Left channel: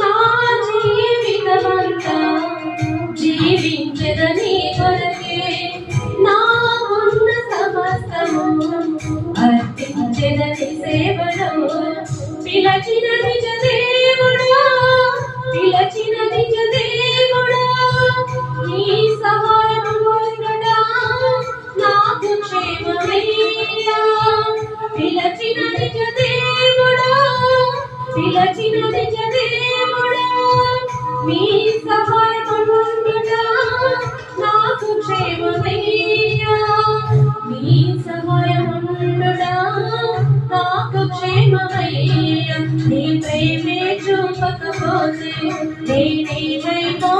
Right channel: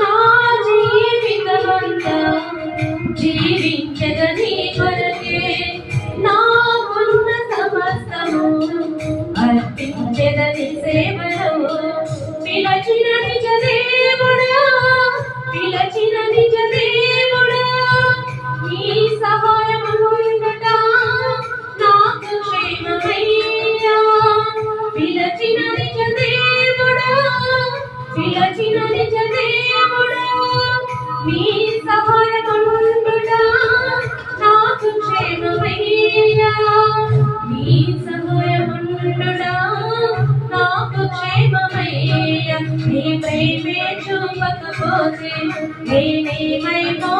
నా జీవితమంతా జీవించదని కొరకే నాకున్న సమస్తము అర్పించదని సేవలో పిలచిన నిజ దేవుడా పిలచిన నిజ దేవుడా నీ సహాయము ఉండుట నాకు క్షేమమయ్యా పిలచిన నిజ దేవుడా పిలచిన నిజ దేవుడా నీ సహాయము ఉండుట నాకు క్షేమమయ్యా నీ సహాయము ఉండుట నాకు క్షేమమయ్యా నీ ప్రేమే చూపకపోతే నేనేమైనా